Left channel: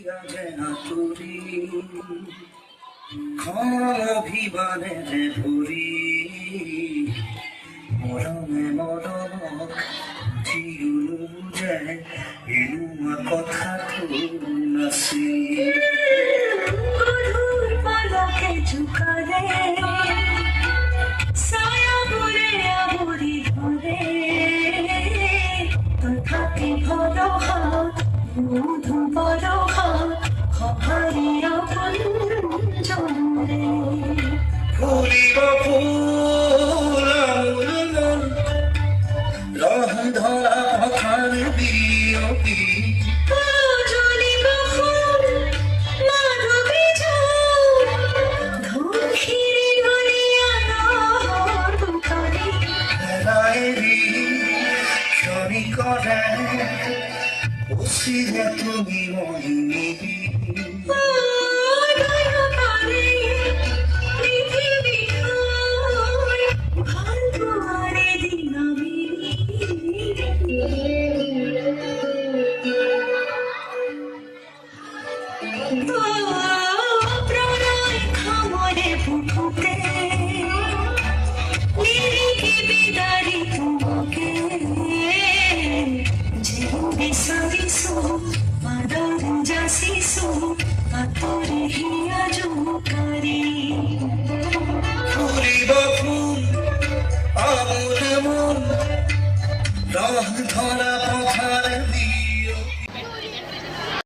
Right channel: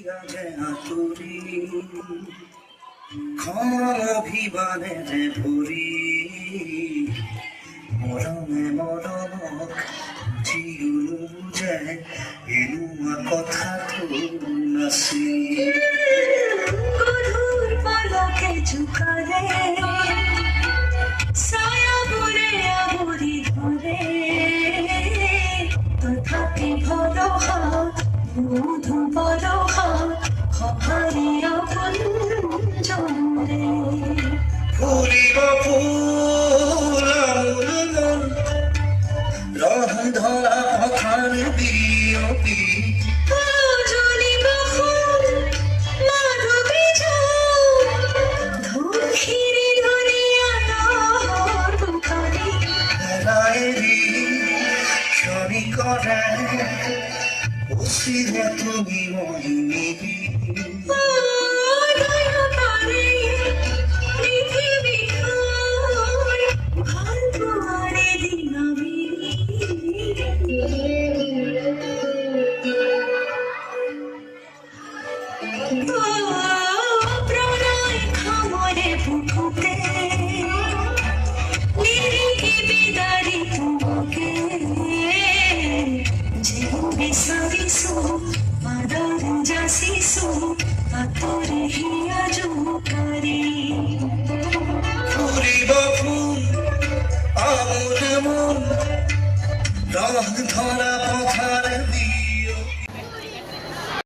তোরি অভিমানে যে ভরি মরমে মরম জিউলু যে এনুয়া কথা তো নাসি গধুর পলকে ঝুঁকারে ছায়া বুড়ে আবুরি ধরে তথাপি ভর হাত মধু বড় হাত খবরে আপন জরে ফুলিব ফুল রহ ধরা কথার বিয়পি জ্বলিব ফুল মাধবী ঝাল ধূপ ঘিরে ধরে আলোর বুখারে রায়েরি শনি করে উসিরে তুমি মহিনী ফুলিব ফুল আমুল মন রহ ধরা